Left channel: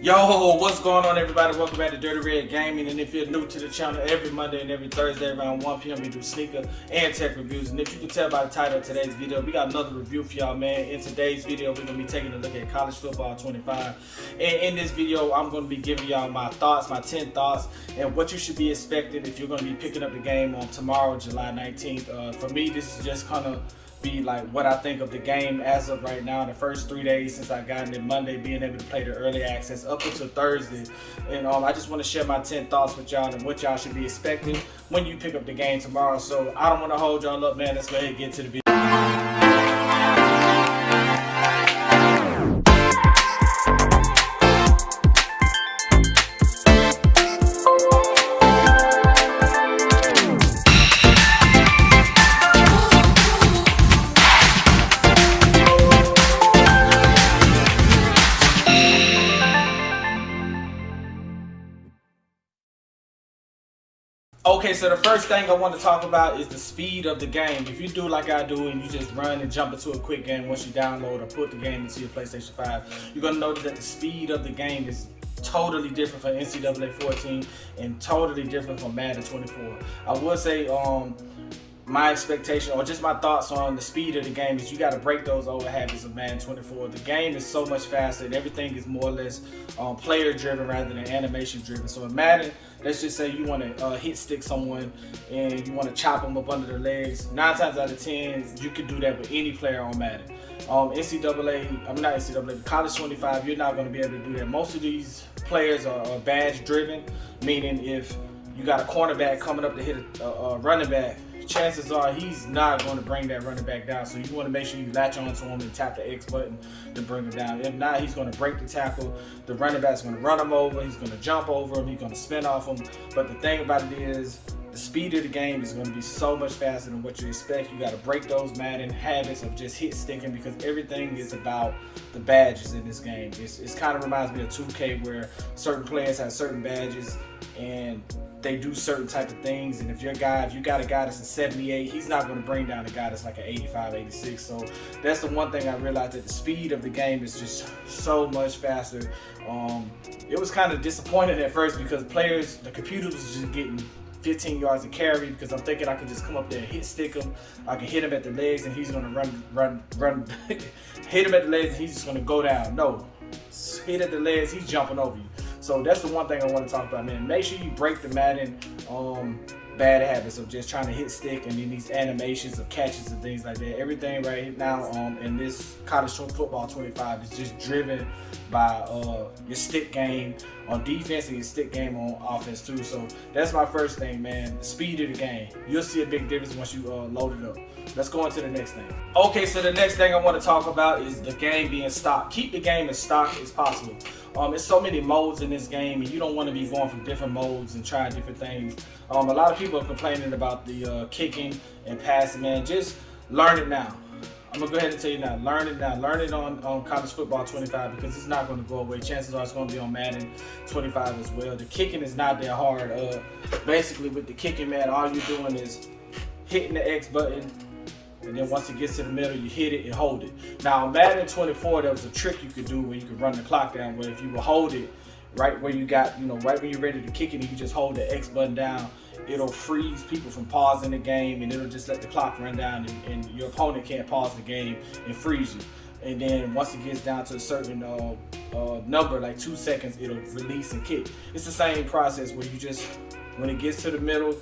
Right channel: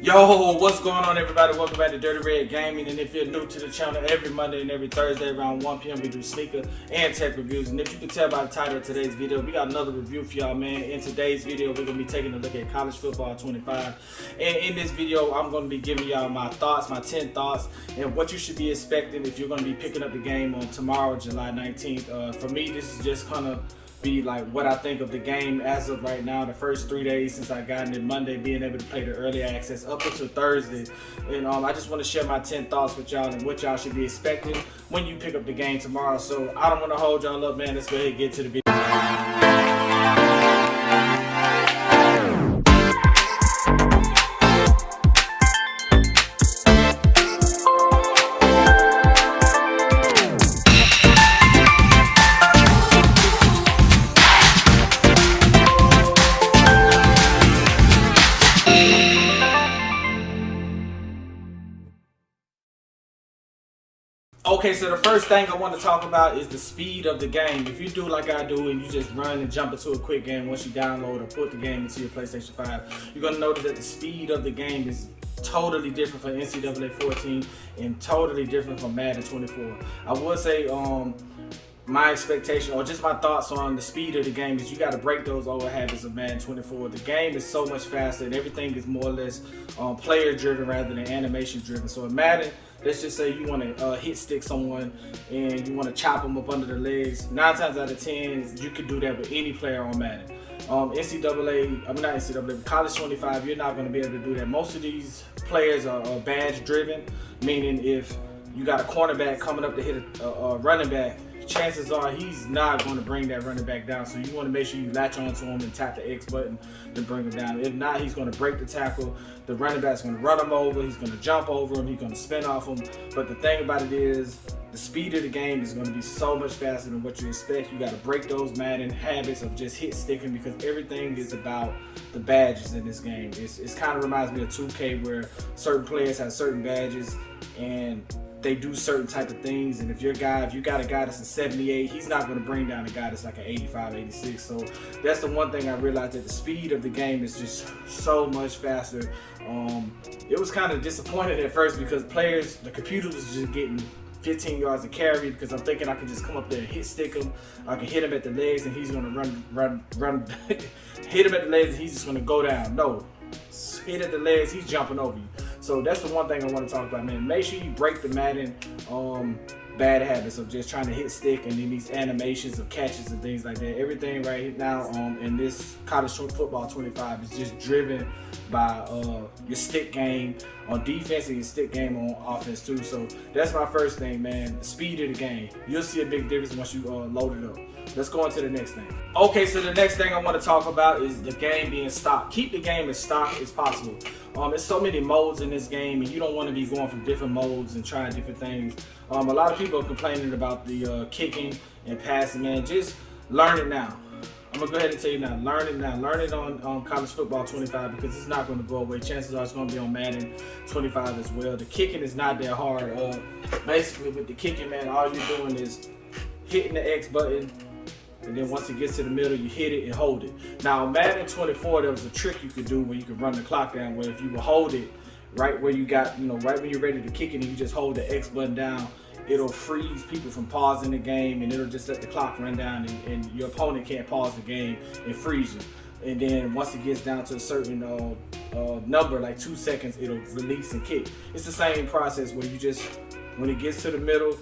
Yo, what's going on, everybody? Welcome back to Dirty Red Gaming. And if you're new to the channel, every Monday and every Thursday around 1 p.m. we do sneaker and tech reviews. And if you can tell by the title of today's video, we got another review for y'all, man. In today's video, we're going to be taking a look at College Football 25. And in this video, I'm going to be giving y'all my thoughts, my 10 thoughts, and what you should be expecting if you're going to be picking up the game on tomorrow, July 19th. For me, this is just kind of be like what I think of the game as of right now. The first 3 days since I got in it, Monday being able to play the early access up until Thursday, and I just want to share my 10 thoughts with y'all and what y'all should be expecting when you pick up the game tomorrow. So I don't want to hold y'all up, man. Let's go ahead and get to the video. Okay, so the first thing I want to talk about is the speed of the game. If you do like I do and you just run and jump into a quick game once you download or put the game into your PlayStation 5, you're going to notice that the speed of the game is totally different for NCAA 14 and totally different from Madden 24. I would say my expectation or just my thoughts on the speed of the game is you got to break those old habits of Madden 24. The game is so much faster and everything is more or less player driven rather than animation driven. So in Madden, let's just say you want to hit stick someone and you want to chop them up under the legs. 9 times out of 10, you can do that with any player on Madden. College 25, you're not going to be able to do that. Most of these players are badge driven, meaning if you got a cornerback coming up to hit a running back, chances are he's not going to bring that running back down. So you want to make sure you latch onto him and tap the X button to bring him down. If not, he's going to break the tackle. The running back's going to run him over. He's going to jump over him. He's going to spin off him. But the thing about it is, the speed of the game is going to be so much faster than what you expect. You got to break those Madden habits of just hit sticking because everything is about the badges in this game. It kind of reminds me of 2K where certain players have certain badges and they do certain type of things, and if you got a guy that's a 78, he's not going to bring down a guy that's like an 85, 86. So that's the one thing I realized, that the speed of the game is just so much faster. It was kind of disappointing at first because the computer was just getting 15 yards of carry because I'm thinking I can just come up there and hit stick him. I can hit him at the legs and he's going to run hit him at the legs and he's just going to go down. No, hit at the legs, he's jumping over you. So that's the one thing I want to talk about, man. Make sure you break the Madden bad habits of just trying to hit stick and then these animations of catches and things like that. Everything right now in this College Football 25 is just driven by your stick game on defense and your stick game on offense too. So that's my first thing, man. The speed of the game. You'll see a big difference once you load it up. Let's go into the next thing. Okay, so the next thing I want to talk about is the game being stock. Keep the game as stock as possible. There's so many modes in this game, and you don't want to be going from different modes and trying different things. A lot of people are complaining about the kicking and passing, man. Just learn it now. I'm gonna go ahead and tell you now. Learn it now. Learn it on College Football 25 because it's not going to go away. Chances are it's going to be on Madden 25 as well. The kicking is not that hard. Basically, with the kicking, man, all you're doing is hitting the X button. And then once it gets to the middle, you hit it and hold it. Now, Madden 24, there was a trick you could do where you could run the clock down, where if you would hold it right where you got, right when you're ready to kick it, and you just hold the X button down, it'll freeze people from pausing the game, and it'll just let the clock run down, and your opponent can't pause the game and freeze you. And then once it gets down to a certain number, like 2 seconds, it'll release and kick. It's the same process where you just, when it gets to the middle,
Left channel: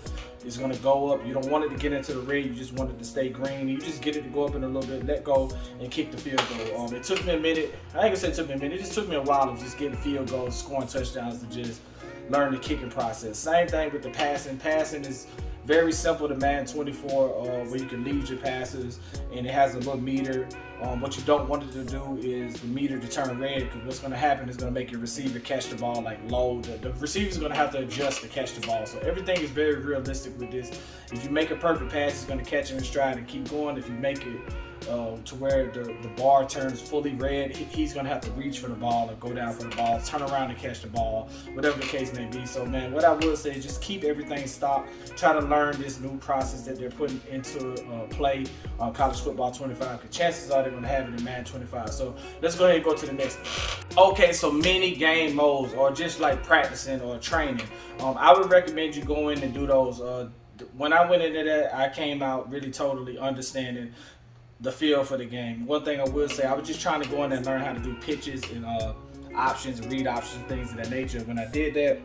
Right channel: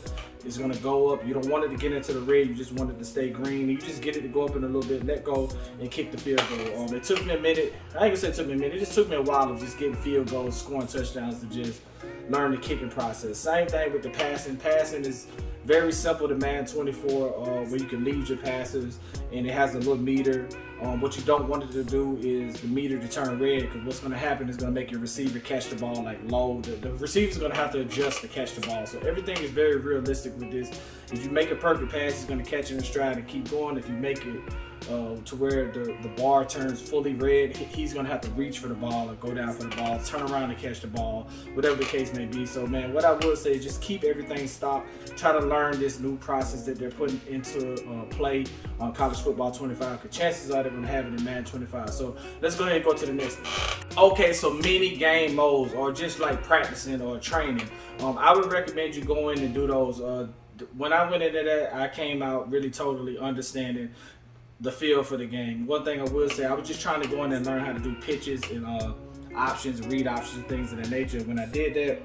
it's going to go up. You don't want it to get into the red. You just want it to stay green. You just get it to go up in a little bit, let go, and kick the field goal. It took me a minute. I ain't going to say it took me a minute. It just took me a while of just getting field goals, scoring touchdowns to just learn the kicking process. Same thing with the passing. Passing is very simple to Madden 24 where you can lead your passes, and it has a little meter. What you don't want it to do is the meter to turn red, because what's going to happen is going to make your receiver catch the ball like low. The receiver's going to have to adjust to catch the ball. So everything is very realistic with this. If you make a perfect pass, it's going to catch it in stride and keep going. If you make it to where the bar turns fully red, he's going to have to reach for the ball or go down for the ball, turn around to catch the ball, whatever the case may be. So, man, what I will say is just keep everything stopped. Try to learn this new process that they're putting into play on College Football 25, because chances are they're going to have it in Madden 25. So, let's go ahead and go to the next one. Okay, so mini game modes, or just like practicing or training. I would recommend you go in and do those. When I went into that, I came out really totally understanding the feel for the game. One thing I will say, I was just trying to go in and learn how to do pitches and options, read options, things of that nature. When I did that,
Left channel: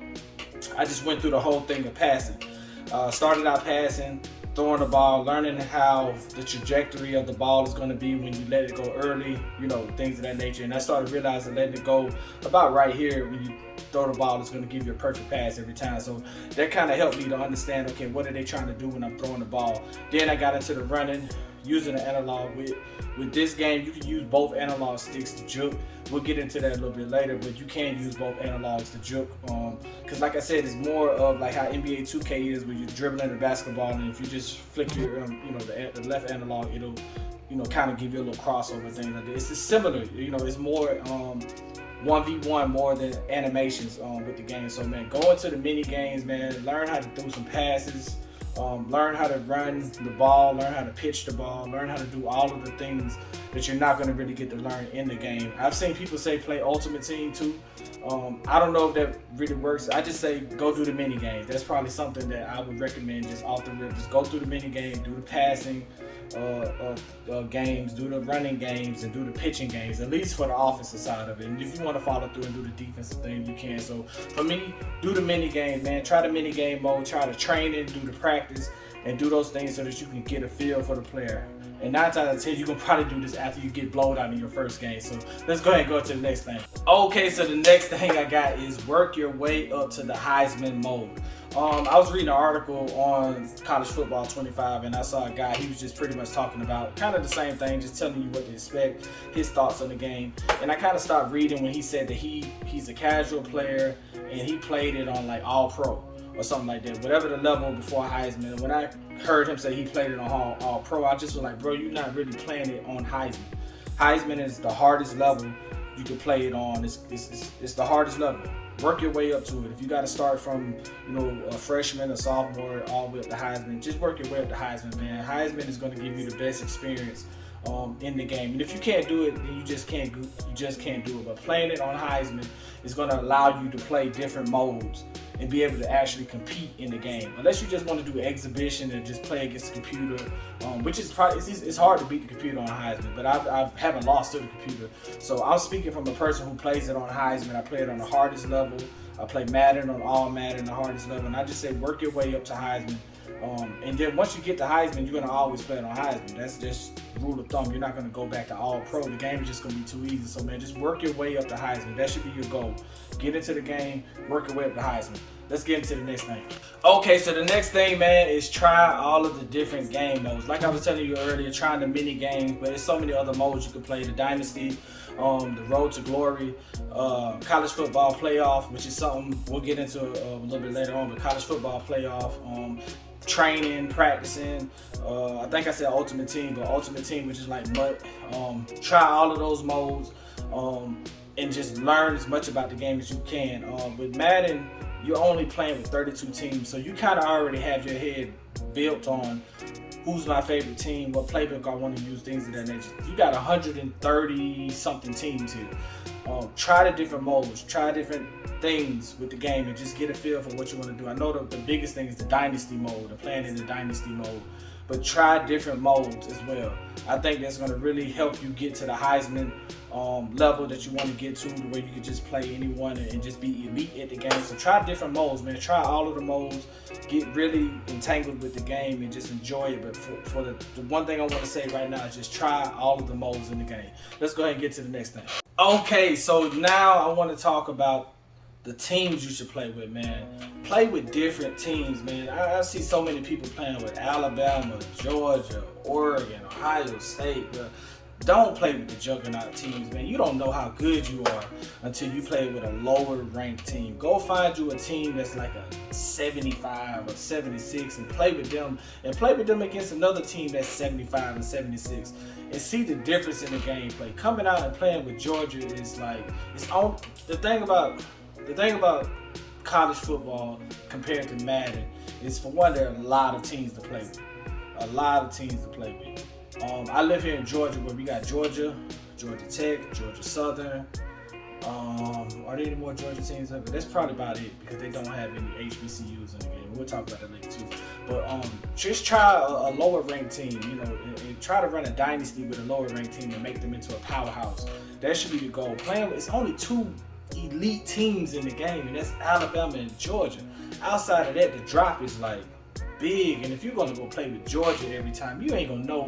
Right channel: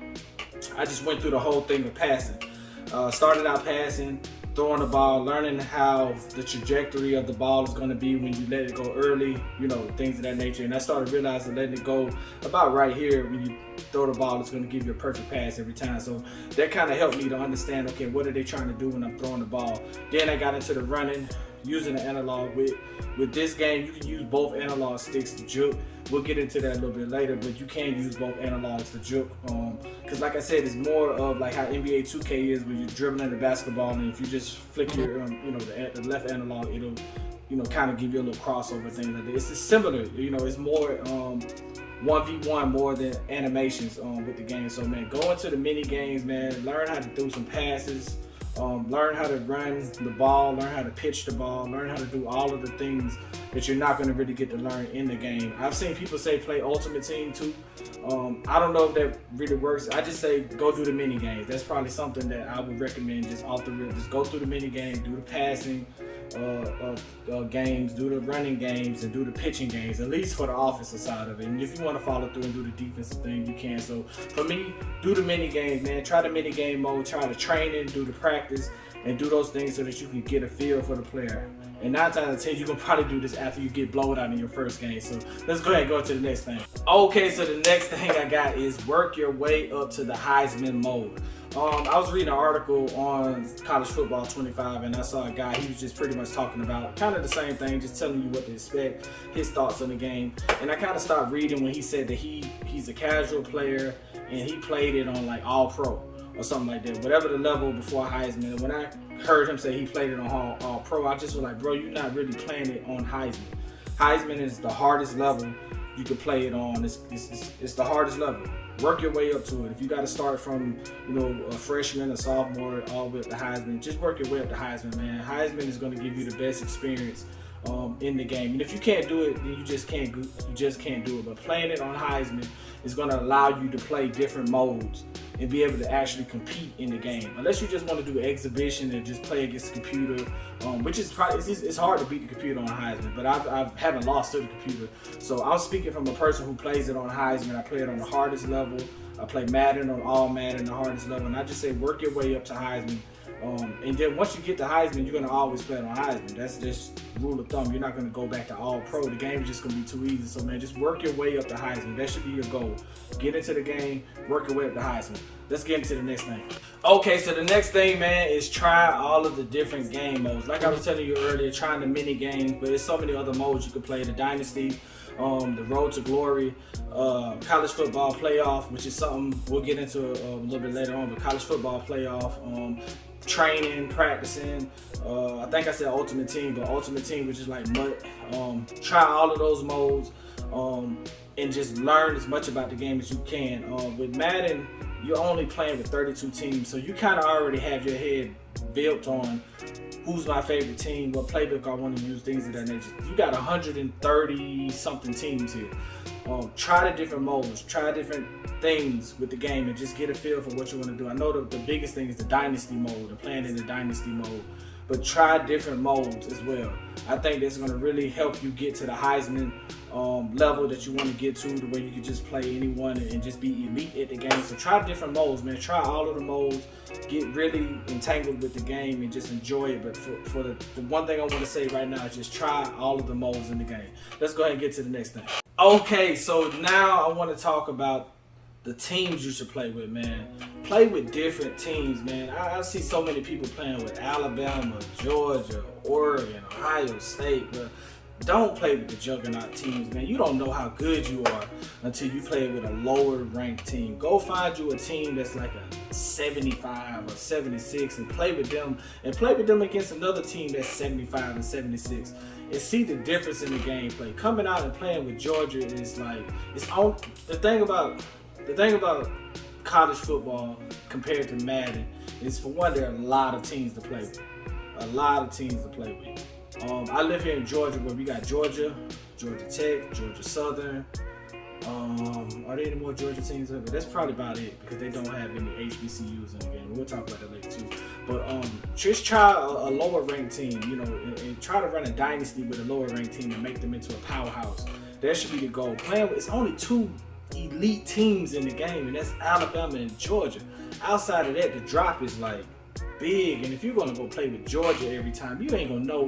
I just went through the whole thing of passing. Started out passing, throwing the ball, learning how the trajectory of the ball is going to be when you let it go early, things of that nature. And I started realizing letting it go about right here when you throw the ball, it's going to give you a perfect pass every time. So that kind of helped me to understand, okay, what are they trying to do when I'm throwing the ball? Then I got into the running, using the analog. With this game, you can use both analog sticks to juke. We'll get into that a little bit later, but you can use both analogs to juke. Because like I said, it's more of like how NBA 2K is, where you're dribbling the basketball, and if you just flick your, the left analog, it'll, kind of give you a little crossover thing like that. It's just similar, it's more 1v1 more than animations with the game. So, man, go into the mini games, man. Learn how to do some passes. Learn how to run the ball, learn how to pitch the ball, learn how to do all of the things that you're not going to really get to learn in the game. I've seen people say play Ultimate Team too. I don't know if that really works. I just say go do the mini games. That's probably something that I would recommend just off the rip. Just go through the mini game, do the passing games, do the running games, and do the pitching games, at least for the offensive side of it. And if you want to follow through and do the defensive thing, you can. So for me, do the mini games, man. Try the mini game mode, try to train it, do the practice, and do those things so that you can get a feel for the player. And 9 times out of 10, you can probably do this after you get blowed out in your first game. So let's go ahead and go to the next thing. Okay, so the next thing I got is work your way up to the Heisman mode. I was reading an article on College Football 25, and I saw a guy, he was just pretty much talking about kind of the same thing, just telling you what to expect, his thoughts on the game. And I kind of stopped reading when he said that he's a casual player and he played it on like All Pro or something like that, whatever the level before Heisman. And when I heard him say he played it on All Pro, I just was like, bro, you're not really playing it on Heisman. Heisman is the hardest level you can play it on. It's the hardest level. Work your way up to it. If you got to start from, a freshman, a sophomore, all the way up to Heisman, just work your way up to Heisman, man. Heisman is going to give you the best experience in the game. And if you can't do it, then you just can't do it. But playing it on Heisman is going to allow you to play different modes and be able to actually compete in the game. Unless you just want to do exhibition and just play against the computer, which is probably it's hard to beat the computer on Heisman. But I haven't lost to the computer, so I'm speaking from a person who plays it on Heisman. I play it on the hardest level. I play Madden on all Madden, the hardest level, and I just say work your way up to Heisman. And then once you get to Heisman, you're going to always play it on Heisman. That's just rule of thumb. You're not going to go back to All Pro. The game is just going to be too easy. So, man, just work your way up to Heisman. That should be your goal. Get into the game, work your way up to Heisman. Let's get into the next thing. Okay, so the next thing, man, is try all of the different game modes. Like I was telling you earlier, trying the mini games, but there's so many other modes you can play. The Dynasty, the Road to Glory, College Football Playoff, which is something we'll get into a little bit later on, but College Football Playoff, training, practicing, I think I said Ultimate Team, but Ultimate Team, which is like MUT. Try all of those modes and just learn as much about the game as you can. With Madden, you're only playing with 32 teams, so you kind of already have your head built on who's my favorite team, what playbook I want to use, things of that nature. You got 130 something teams here. Try the different modes, try different things with the game, and just get a feel for what you want to do. I know the biggest thing is the Dynasty mode, and playing in the Dynasty mode, but try different modes as well. I think that's going to really help you get to the Heisman level that you want to get to where you can just play anyone and just be elite at the game. So try different modes, man. Try all of the modes. Get really entangled with the game and just enjoy it. But for the one thing I want to say right now is just try all of the modes in the game. Let's go ahead and get to the next thing. Okay, so now I want to talk about the teams you should play with, man. Play with different teams, man. I see so many people playing with Alabama, Georgia, Oregon, Ohio State, but don't play with the juggernaut teams, man. You don't know how good you are until you play with a lower ranked team. Go find you a team that's like a 75 or 76 and play with them against another team that's 75 and 76. and see the difference in the gameplay. Coming out and playing with Georgia is like, it's on. The thing about college football compared to Madden is, for one, there are a lot of teams to play with. I live here in Georgia, where we got Georgia Tech, Georgia Southern. Are there any more Georgia teams? But that's probably about it, because they don't have any HBCUs in the game. We'll talk about that later too. But just try a lower ranked team, and try to run a dynasty with a lower ranked team and make them into a powerhouse. That should be the goal. It's only 2 elite teams in the game, and that's Alabama and Georgia. Outside of that, the drop is like big, and if you're gonna go play with Georgia every time, you ain't gonna know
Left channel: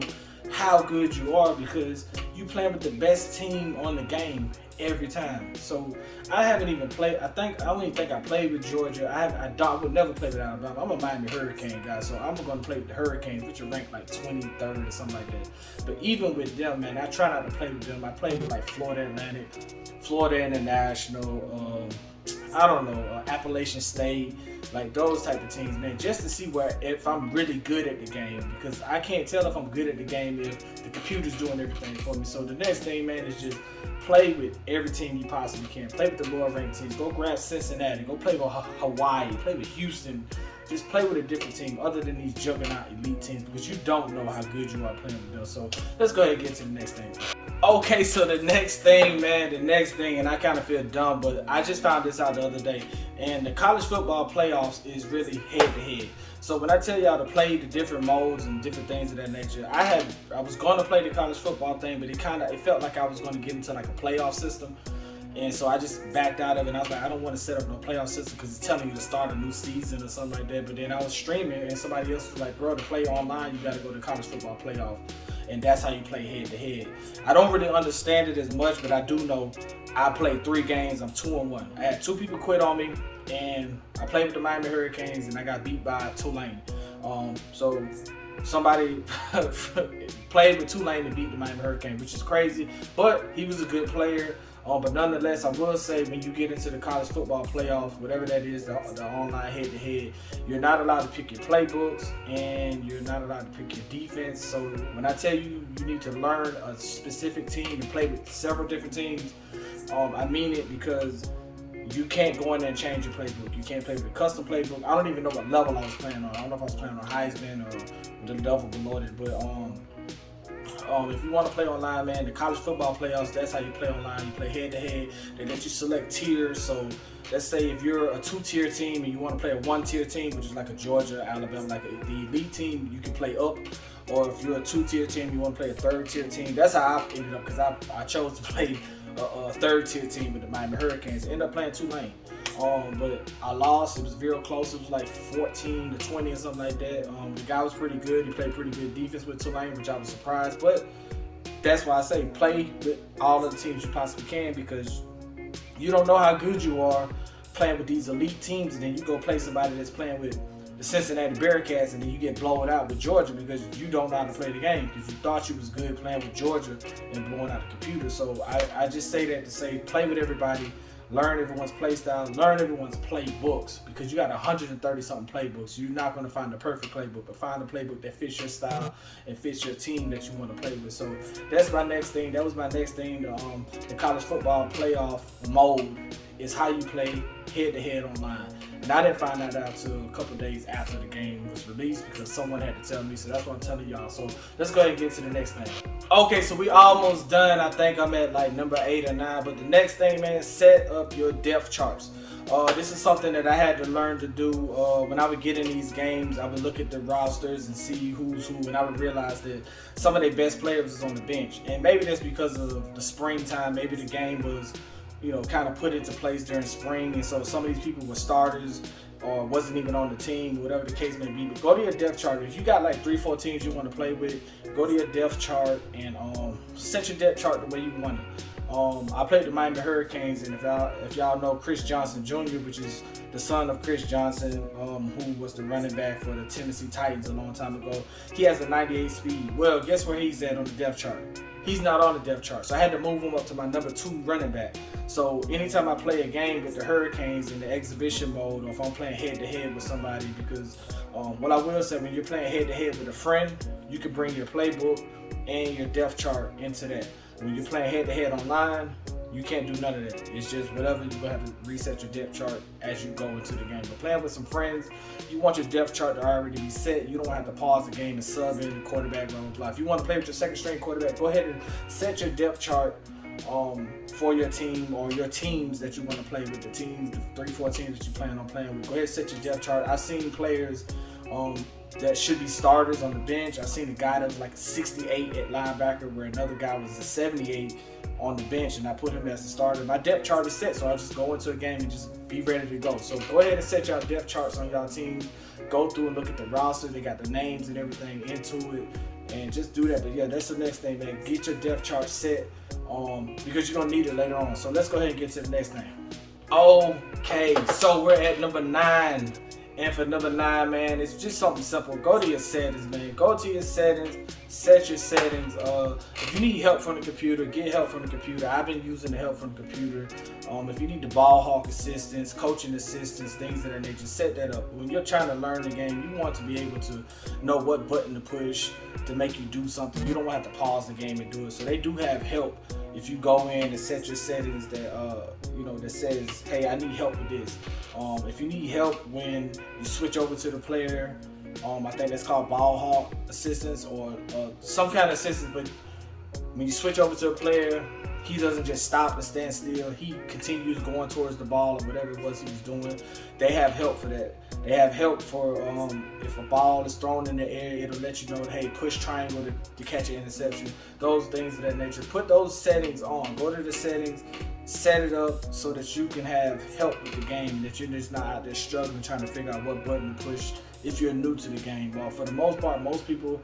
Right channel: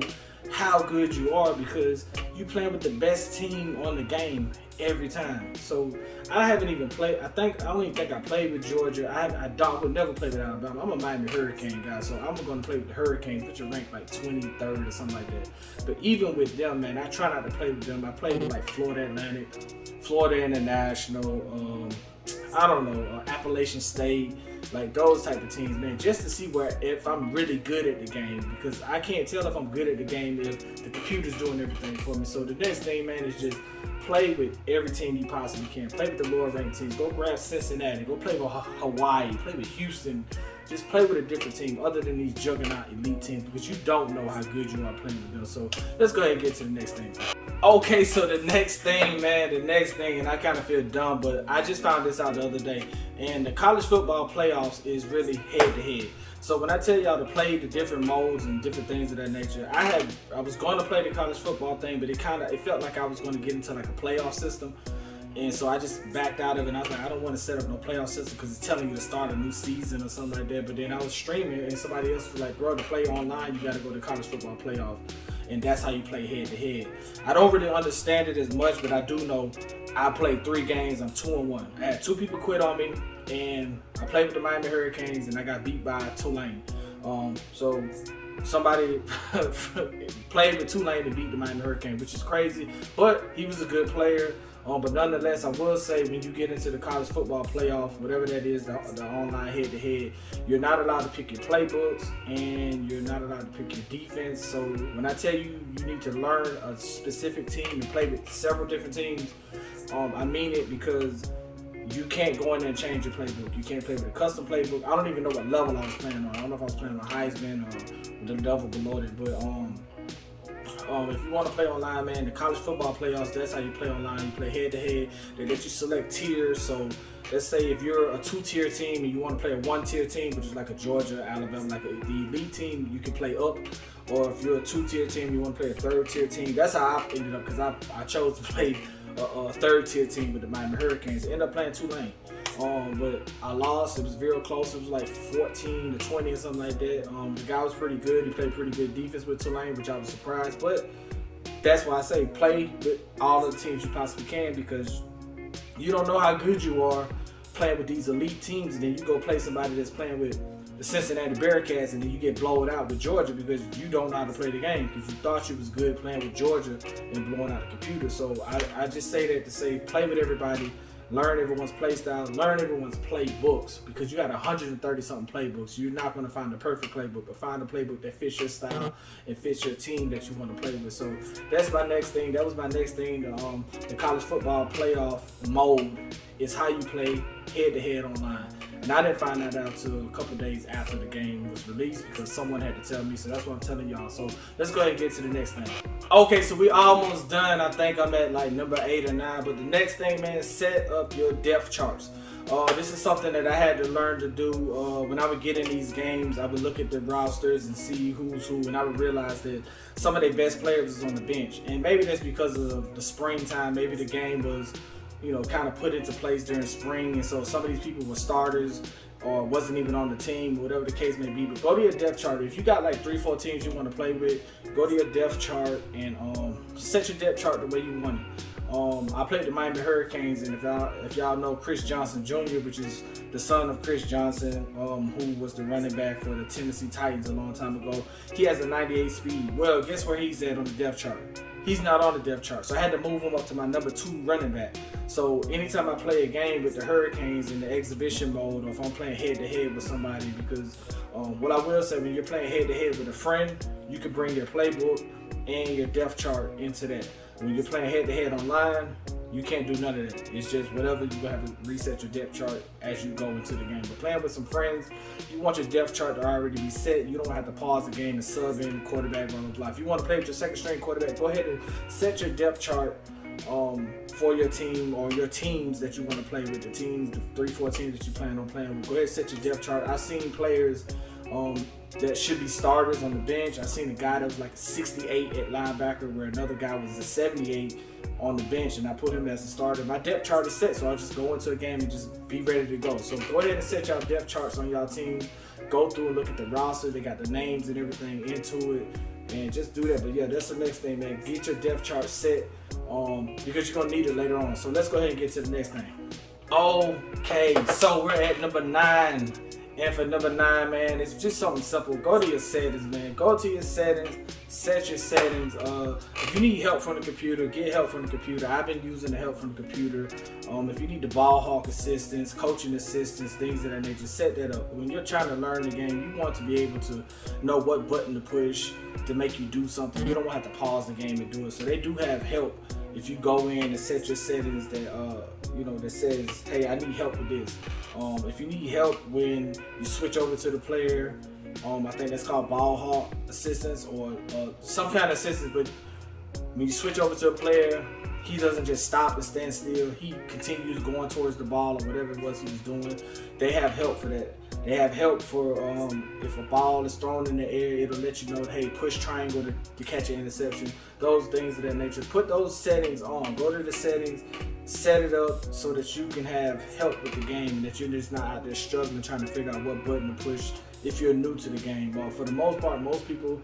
how good you are, because you playing with the best team on the game every time. So I haven't even played. I don't even think I played with Georgia. I would never play with Alabama. I'm a Miami Hurricane guy, so I'm gonna play with the Hurricanes, which are ranked like 23rd or something like that. But even with them, man, I try not to play with them. I played with like Florida Atlantic, Florida International, Appalachian State, like those type of teams, man, just to see if I'm really good at the game, because I can't tell if I'm good at the game if the computer's doing everything for me. So the next thing, man, is just play with every team you possibly can. Play with the lower ranked teams. Go grab Cincinnati. Go play with Hawaii. Play with Houston. Just play with a different team other than these juggernaut elite teams, because you don't know how good you are playing with them. So let's go ahead and get to the next thing. Okay, so the next thing, and I kind of feel dumb, but I just found this out the other day, and the college football playoffs is really head-to-head. So when I tell y'all to play the different modes and different things of that nature, I was going to play the college football thing, but it felt like I was going to get into like a playoff system. And so I just backed out of it, and I was like, I don't want to set up no playoff system because it's telling you to start a new season or something like that. But then I was streaming, and somebody else was like, bro, to play online, you got to go to college football playoff. And that's how you play head-to-head. I don't really understand it as much, but I do know I played 3 games. I'm 2-1. I had 2 people quit on me, and I played with the Miami Hurricanes, and I got beat by Tulane. So somebody played with Tulane and beat the Miami Hurricanes, which is crazy, but he was a good player. But nonetheless, I will say, when you get into the college football playoff, whatever that is, the online head-to-head, you're not allowed to pick your playbooks, and you're not allowed to pick your defense. So when I tell you you need to learn a specific team and play with several different teams, I mean it, because you can't go in there and change your playbook. You can't play with a custom playbook. I don't even know what level I was playing on. I don't know if I was playing on Heisman or the level below it, but if you want to play online, man, the college football playoffs, that's how you play online. You play head-to-head. They let you select tiers. So let's say if you're a 2-tier team and you want to play a 1-tier team, which is like a Georgia, Alabama, like the elite team, you can play up. Or if you're a 2-tier team, you want to play a 3rd-tier team. That's how I ended up, because I chose to play a 3rd-tier team with the Miami Hurricanes. I ended up playing Tulane. But I lost. It was real close. It was like 14-20 or something like that. The guy was pretty good. He played pretty good defense with Tulane, which I was surprised. But that's why I say play with all of the teams you possibly can, because you don't know how good you are playing with these elite teams, and then you go play somebody that's playing with the Cincinnati Bearcats, and then you get blown out with Georgia because you don't know how to play the game, because you thought you was good playing with Georgia and blowing out the computer. So I just say that to say play with everybody. Learn everyone's play style, learn everyone's playbooks, because you got 130-something playbooks. You're not going to find the perfect playbook, but find a playbook that fits your style and fits your team that you want to play with. So that's my next thing. That was my next thing. The college football playoff mode is how you play head-to-head online. And I didn't find that out till a couple days after the game was released, because someone had to tell me. So that's what I'm telling y'all. So let's go ahead and get to the next thing. Okay, so we almost done. I think I'm at like number 8 or 9. But the next thing, man, set up your depth charts. This is something that I had to learn to do. When I would get in these games, I would look at the rosters and see who's who, and I would realize that some of their best players was on the bench. And maybe that's because of the springtime. Maybe the game was, kind of put into place during spring, and so some of these people were starters or wasn't even on the team, whatever the case may be. But go to your depth chart. If you got like 3-4 teams you want to play with, go to your depth chart and set your depth chart the way you want it. I played the Miami Hurricanes, and if y'all know Chris Johnson Jr., which is the son of Chris Johnson, who was the running back for the Tennessee Titans a long time ago, he has a 98 speed. Well, guess where he's at on the depth chart? he's not on the depth chart. So I had to move him up to my number 2 running back. So anytime I play a game with the Hurricanes in the exhibition mode, or if I'm playing head-to-head with somebody, because what I will say, when you're playing head-to-head with a friend, you can bring your playbook and your depth chart into that. When you're playing head-to-head online, you can't do none of that. It's just whatever, you're going to have to reset your depth chart as you go into the game. But playing with some friends, you want your depth chart to already be set. You don't have to pause the game and sub in the quarterback, blah, blah, blah. If you want to play with your second string quarterback, go ahead and set your depth chart for your team or your teams that you want to play with, the teams, the 3-4 teams that you plan on playing with. Go ahead and set your depth chart. I've seen players that should be starters on the bench. I've seen a guy that was like a 68 at linebacker where another guy was a 78 on the bench, and I put him as a starter. My depth chart is set, so I'll just go into a game and just be ready to go. So go ahead and set y'all depth charts on y'all team. Go through and look at the roster. They got the names and everything into it, and just do that. But yeah, that's the next thing, man. Get your depth chart set because you're going to need it later on. So let's go ahead and get to the next thing. Okay, so we're at number 9. And for number 9, man, it's just something simple. Go to your settings, man. Go to your settings, set your settings. If you need help from the computer, get help from the computer. I've been using the help from the computer. If you need the ball hawk assistance, coaching assistance, things of that nature, set that up. When you're trying to learn the game, you want to be able to know what button to push to make you do something. You don't want to have to pause the game and do it. So they do have help if you go in and set your settings that that says, hey, I need help with this. If you need help when you switch over to the player, I think that's called ball hawk assistance or some kind of assistance. But when you switch over to a player, he doesn't just stop and stand still. He continues going towards the ball or whatever it was he was doing. They have help for that. They have help for if a ball is thrown in the air, it'll let you know, hey, push triangle to catch an interception. Those things of that nature. Put those settings on. Go to the settings, set it up so that you can have help with the game and that you're just not out there struggling trying to figure out what button to push if you're new to the game. But for the most part, most people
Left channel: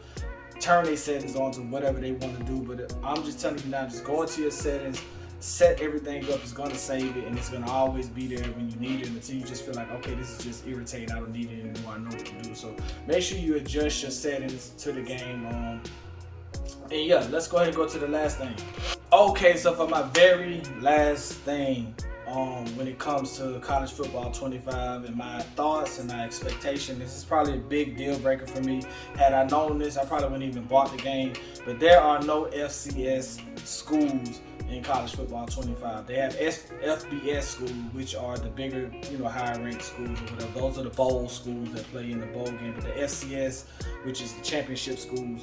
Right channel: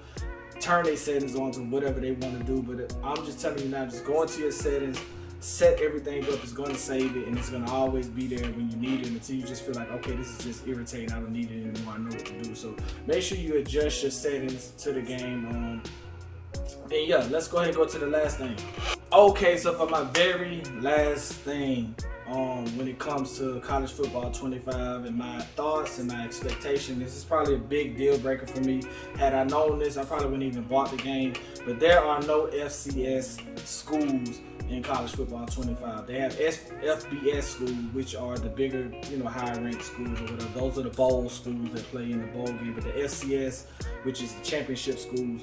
turn their settings on to whatever they want to do. But I'm just telling you now, just go into your settings, set everything up. It's going to save it, and it's going to always be there when you need it until you just feel like, okay, this is just irritating. I don't need it anymore. I know what to do. So make sure you adjust your settings to the game. And yeah, let's go ahead and go to the last thing. Okay, so for my very last thing, when it comes to college football 25 and my thoughts and my expectation, this is probably a big deal breaker for me. Had I known this, I probably wouldn't even bought the game. But there are no FCS schools in college football 25. They have FBS schools, which are the bigger, higher ranked schools or whatever. Those are the bowl schools that play in the bowl game. But the FCS, which is the championship schools,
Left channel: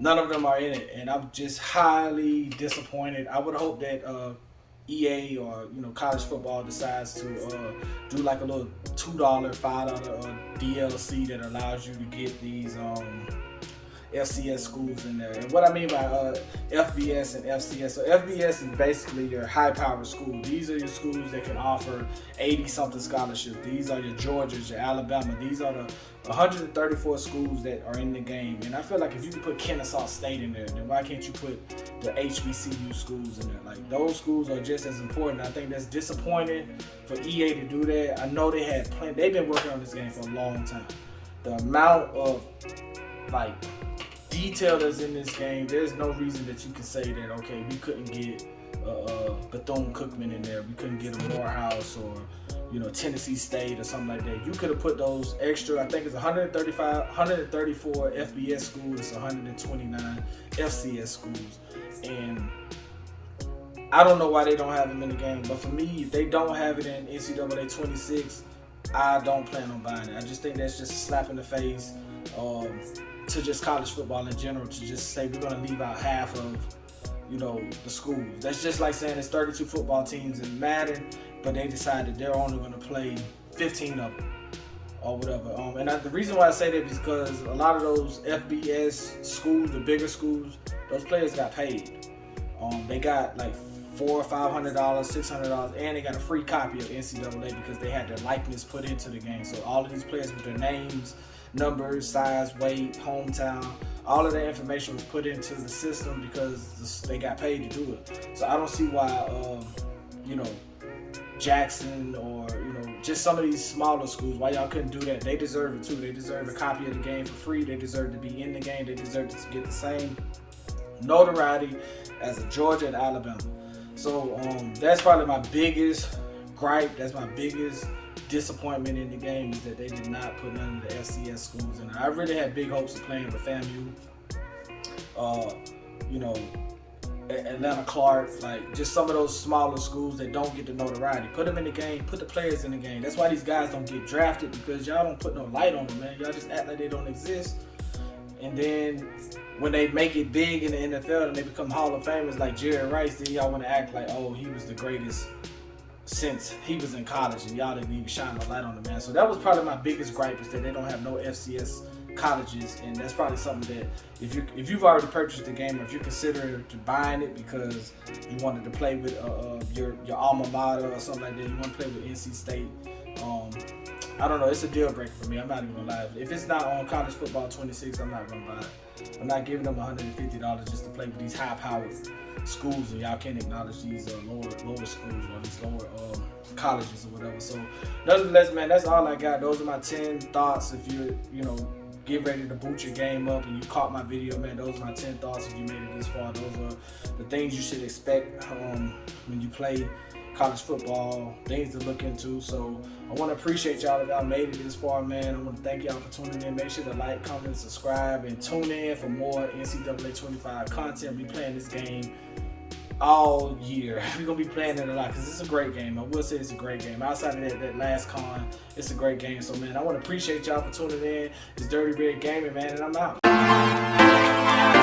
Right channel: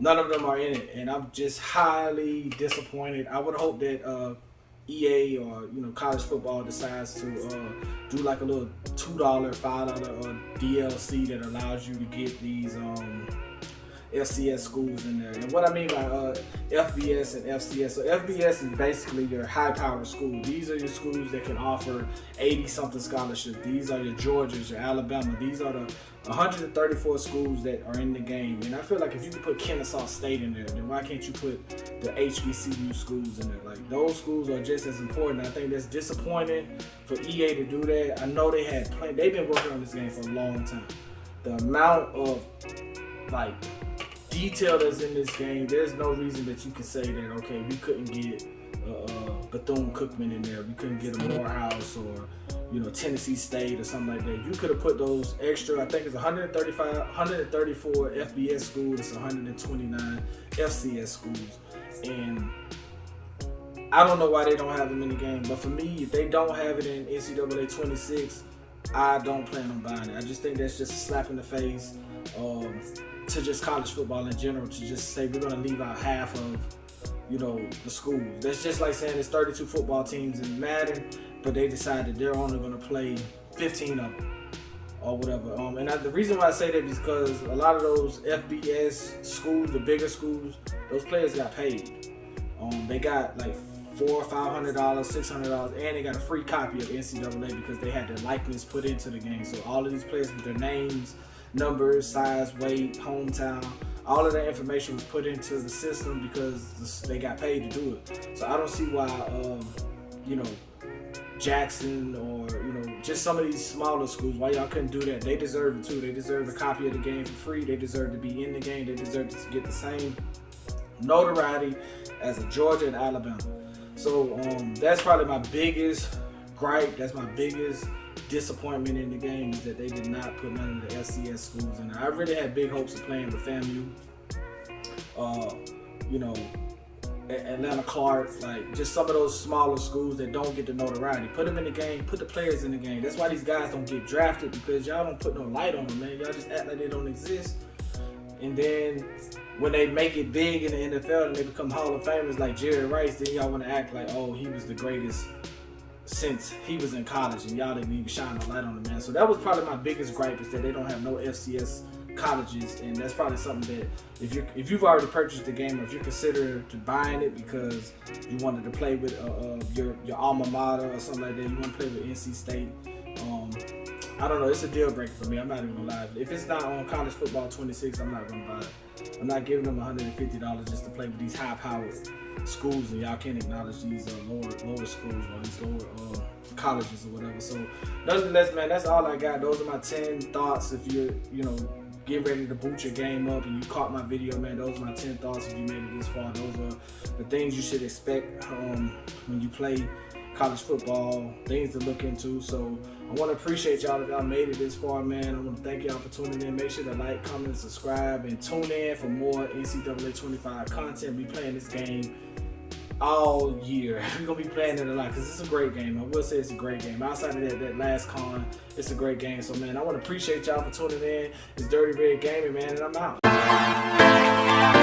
none of them are in it, and I'm just highly disappointed. I would hope that EA or college football decides to do like a little $2, $5 DLC that allows you to get these FCS schools in there. And what I mean by FBS and FCS, so FBS is basically your high-powered school. These are your schools that can offer 80-something scholarships. These are your Georgias, your Alabama. These are the 134 schools that are in the game. And I feel like if you can put Kennesaw State in there, then why can't you put the HBCU schools in there? Like, those schools are just as important. I think that's disappointing for EA to do that. I know they've been working on this game for a long time. The amount of detail that's in this game, there's no reason that you can say that, okay, we couldn't get Bethune-Cookman in there, we couldn't get a Morehouse or Tennessee State or something like that. You could have put those extra, I think it's 134 FBS schools, it's 129 FCS schools, and I don't know why they don't have them in the game. But for me, if they don't have it in NCAA 26, I don't plan on buying it. I just think that's just a slap in the face to just college football in general, to just say we're going to leave out half of the schools. That's just like saying there's 32 football teams in Madden, but they decided they're only going to play 15 of them or whatever. The reason why I say that is because a lot of those FBS schools, the bigger schools, those players got paid. They got like $400 or $500, $600, and they got a free copy of NCAA because they had their likeness put into the game. So all of these players with their names, numbers, size, weight, hometown, all of that information was put into the system because they got paid to do it. So I don't see why, Jackson or, just some of these smaller schools, why y'all couldn't do that. They deserve it too. They deserve a copy of the game for free. They deserve to be in the game. They deserve to get the same notoriety as a Georgia and Alabama. So that's probably my biggest gripe. That's my biggest disappointment in the game, is that they did not put none of the FCS schools in. I really had big hopes of playing with FAMU, Atlanta Clark, like just some of those smaller schools that don't get the notoriety. Put them in the game, put the players in the game. That's why these guys don't get drafted, because y'all don't put no light on them, man. Y'all just act like they don't exist. And then when they make it big in the NFL and they become Hall of Famers like Jerry Rice, then y'all want to act like, oh, he was the greatest since he was in college, and y'all didn't even shine the light on him, man. So that was probably my biggest gripe, is that they don't have no FCS colleges, and that's probably something that if you've already purchased the game, or if you're considering to buying it because you wanted to play with your alma mater or something like that, you want to play with NC State, I don't know, it's a deal breaker for me. I'm not even gonna lie. If it's not on College Football 26, I'm not gonna buy it. I'm not giving them $150 just to play with these high-powered schools, and y'all can't acknowledge these lower schools or these lower colleges or whatever. So nonetheless, man, that's all I got. Those are my 10 thoughts. If you're get ready to boot your game up and you caught my video, man, those are my 10 thoughts. If you made it this far, those are the things you should expect when you play college football, things to look into. So I want to appreciate y'all if y'all made it this far, man. I want to thank y'all for tuning in. Make sure to like, comment, and subscribe, and tune in for more NCAA 25 content. We'll be playing this game all year. We're going to be playing it a lot because it's a great game. I will say it's a great game. Outside of that last con, it's a great game. So, man, I want to appreciate y'all for tuning in. It's Dirty Red Gaming, man, and I'm out.